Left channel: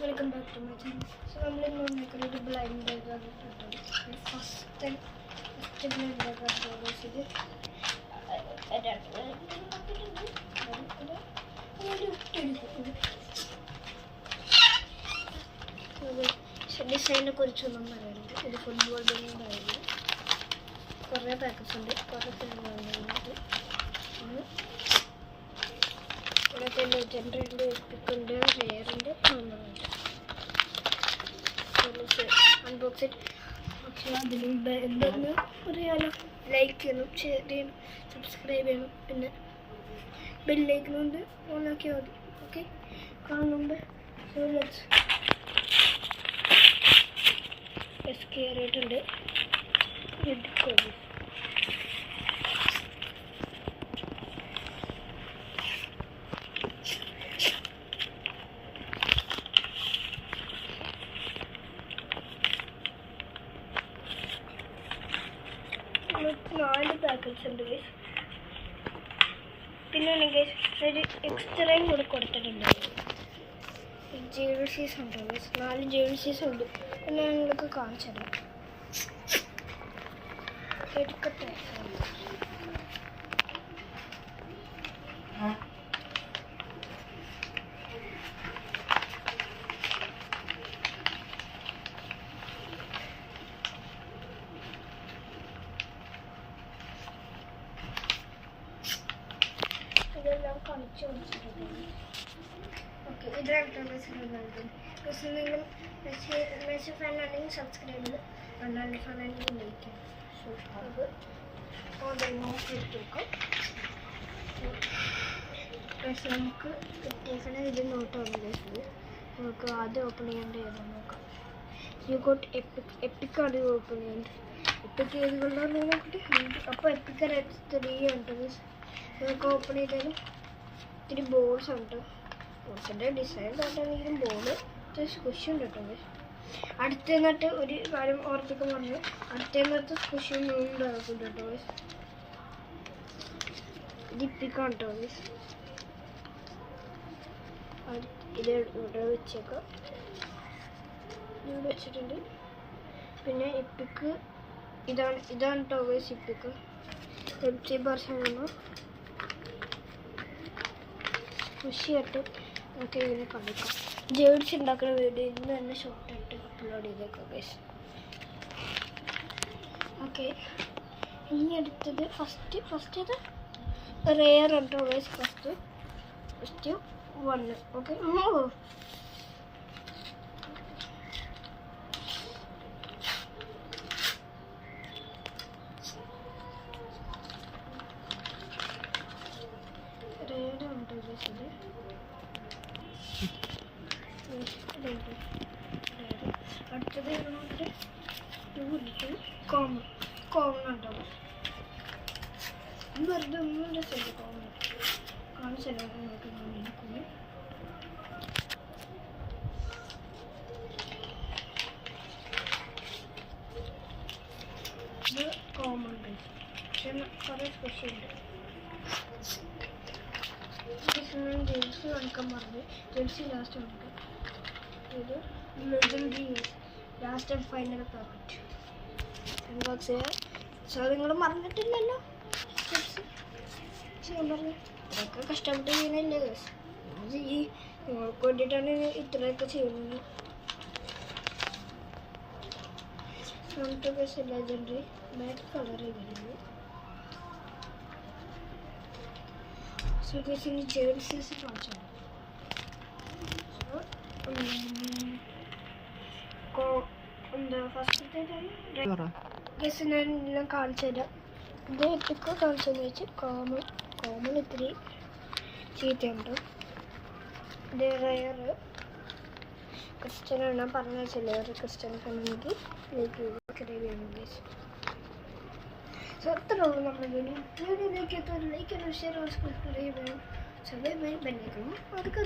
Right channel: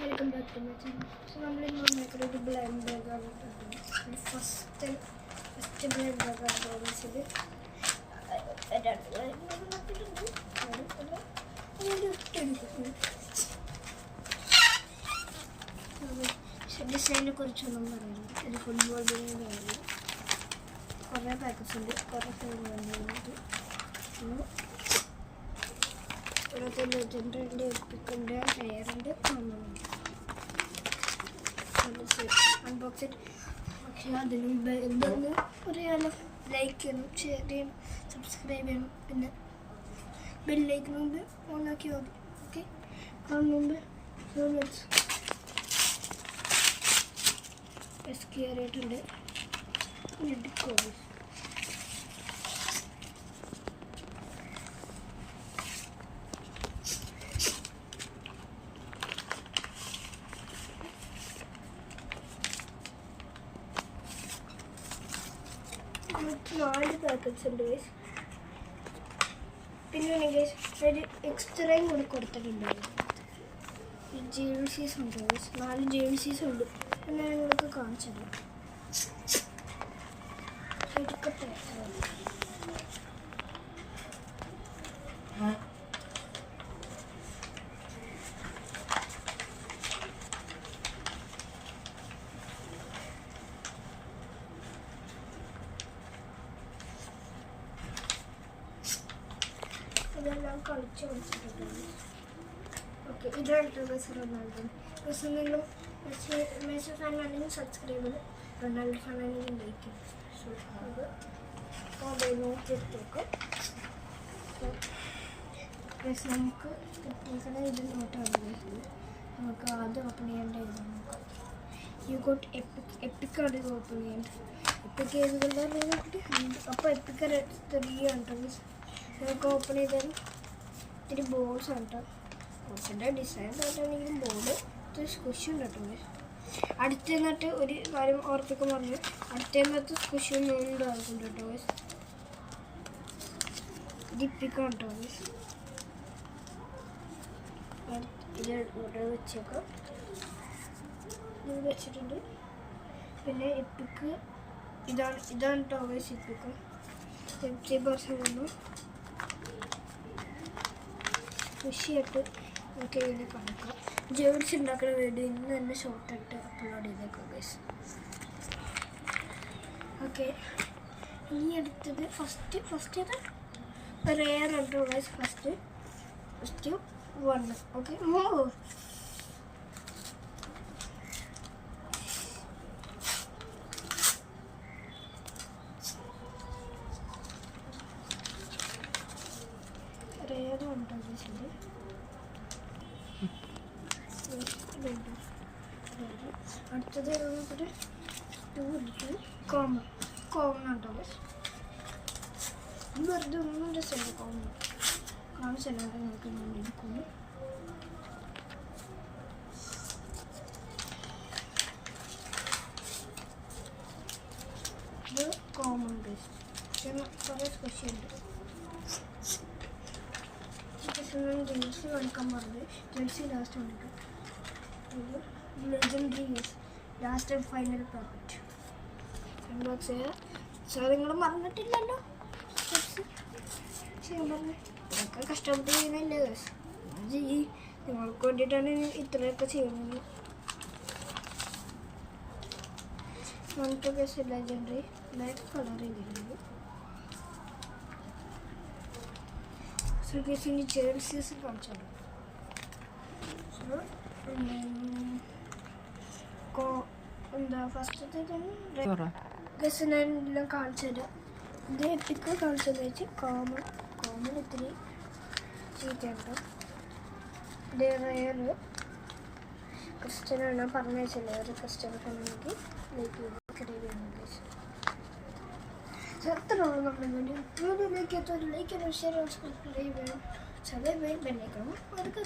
Welcome back to my channel. So നമ്മളിന്ന് വന്നേക്കൊരു blind ബേഗാണ് കേട്ടോ. ഫസ്റ്റ് ബ്ലൈൻഡ് ബേഗാണ് ഇത്. രണ്ട് നട്ടിട്ടുണ്ട്. ഡിസൈനെ കുറിച്ചൊന്നും പറയുന്നുണ്ട്. ഇത് ഫുട്ബോൾ ബില്ലിൻ്റെ കുറേ പാക്കറ്റ്സ് ഉണ്ട്, കുറേ ഫിലിമുണ്ട്. കുറേ ലെജൻഡുണ്ട്, എപ്പിക്കുണ്ട്, റെയറുണ്ട്, നോർമലുണ്ട്. അൺബോക്സിങ്. പക്ഷേ അതിന് മുമ്പ് എന്തെന്ന് പറയാലോ, ലൈക്ക് ചെയ്യണം, ഷെയർ ചെയ്യണം, സബ്സ്ക്രൈബ് ചെയ്യണം, പിന്നെ ബെല്ലൈക്കണുണ്ട് ഓണാക്കിയാൽ മതി. ഓക്കെ, കാണുന്നുണ്ട്. കയറിയിട്ടുണ്ട്. എടുക്കോളൂ. നാല് പാക്കറ്റ്സ് ഉണ്ട് ഗൈസ്. പിന്നെ ഗൈസ് ഒരു എക്സ്ട്രയും കൂടി കൊടുത്തിട്ടുണ്ടായിരുന്നു. ജേഴ്സീസ് ഉണ്ട് ഗൈസ്. 4 ജേഴ്സീസ് ഉണ്ട്. ഞാൻ നിങ്ങൾക്ക് കാണിച്ചു തരാം. എടുക്കട്ടെ. ഇതെല്ലാം കളിച്ച് കളിച്ചിട്ടുണ്ട്. ഓക്കെ, ഇതാണ് റൊണാൾഡോ. നിങ്ങളും മെസ്സി ഫാനാണെങ്കിൽ സബ്സ്ക്രൈബ് ചെയ്ത്, റൊണാൾഡോ ഫാനാണെങ്കിൽ ലൈക്ക് ചെയ്യും. സോ അത് ഓൾറെഡി നോക്കിയിട്ട് വെക്കും. പക്ഷേ നമുക്ക് കിട്ടിയേക്കണ ഇത് നോട്ടാണ്. നമുക്ക് ആദ്യം ഓപ്പൺ ചെയ്യേണ്ട ഏതാണ് നോക്കാം. യു ഗോട്ട് എപ്പിക്കാണ് ഓപ്പൺ ചെയ്യേണ്ടത്. എപ്പിക്ക് ഏത് കൊണ്ടാണ് നോക്കിയിട്ട്. അപ്പോൾ എപ്പിക്ക 3 ഉണ്ട്. ഇതൊക്കെ ഓപ്പൺ ചെയ്താലും ഇത്തിരി ബോൾസ് ഉണ്ട്. ബോൾസിൻ്റെ ഡിസൈൻ കാട്ടാണെങ്കിലും ബോള് സ്ക്വിഷ് ഉണ്ട് കേട്ടോ. അടുത്ത നിന്നിട്ട് ഒരു കാര്യം ഓർപ്പിക്കാൻ പറഞ്ഞു, അടുത്ത നിന്നത്ത് സ്ക്വിഷ് ഉണ്ടാക്കും കേട്ടോ. ഇതിപ്പിക്കാം കേട്ടോ. ഇത് ഇവിടെ വെച്ചപ്പോൾ ഇത് വെച്ചിട്ടുണ്ട്. പിന്നെ ഇപ്പിക്ക് ഇതാണ് കേട്ടോ ഗൈസ്. ഇപ്പിക്ക് 50% കൃഷിയായിട്ട് നമുക്ക് ഇതിന് കളിക്കാം. ജേഴ്സി ഉണ്ടാക്കുന്ന വീഡിയോ ഇന്ന് തന്നെ ഷോർട്ടായിട്ട് അപ്ലോഡ് ചെയ്തേക്കാം ഗൈസ്. ഓക്കെ, ഇനി അടുത്തത് ഫസ്റ്റ് ഇത് റെയർ ഉണ്ട് ഗൈസ്. ഫസ്റ്റ് 1. ഓക്കെ, റെയറുണ്ട് ഗൈസ്. അടുത്തത് 2 കോമൺ ഉണ്ടാവും. വെറുതെ ഒന്നും രസമില്ല. കോമൺ കാണിച്ചല്ലോ നിങ്ങൾക്ക് ഇരിക്കുന്നു. ഇത് കോമൺ ബേസ്. പക്ഷേ കുറേ സ്പെഷ്യലുണ്ട്. ജേഴ്സി കളിക്കാൻ പറഞ്ഞു. ജേഴ്സി ലാസ്റ്റ് ഉണ്ട്. ഇത് legendary last and final packet unbox ചെയ്യാം. സോ നിങ്ങൾ മറന്നിട്ടില്ലല്ലോ ചെയ്യാൻ പറഞ്ഞു. ഇതൊക്കെ കഷ്ടപ്പെട്ട് ചെയ്യുന്നില്ല ഗൈസ്. നിങ്ങൾക്ക് വേണ്ടിയിട്ടാണ് ഇത്രയൊക്കെ ചെയ്യുന്നത്. നമുക്ക് ഗൈസ് ലെജൻഡറി ബ്ലാക്ക് കളർ ചെയ്തിട്ടുണ്ട്. സോ ഗൈസ് ഇനി ജേഴ്സീസ് കാണിച്ചുണ്ട്. സോ എന്താ ഫസ്റ്റ് ഗസ് ഞാൻ എല്ലാം കാണിച്ചു തരാം. ഇത് എപ്പിക്ക് കാണിച്ചെന്ന് വെച്ചാൽ കോമൺ ഇത്തിരി ചീത്തയുണ്ട്. ഇത് റെയർ ക്രിസ്ത്യനാണ് പറഞ്ഞ ചിലവർ ക്രിസ്ത്യൻ കമ്മ്യൂണിറ്റി ലൈക്ക് ചെയ്യണം. എത്ര നമ്മൾ വീഡിയോയിലേക്ക് എത്തും. ലൈക്ക് ചെയ്യണം, ഷെയർ സബ്സ്ക്രൈബ് ചെയ്യണം, ബെല്ലൈക്കണം. അതൊക്കെ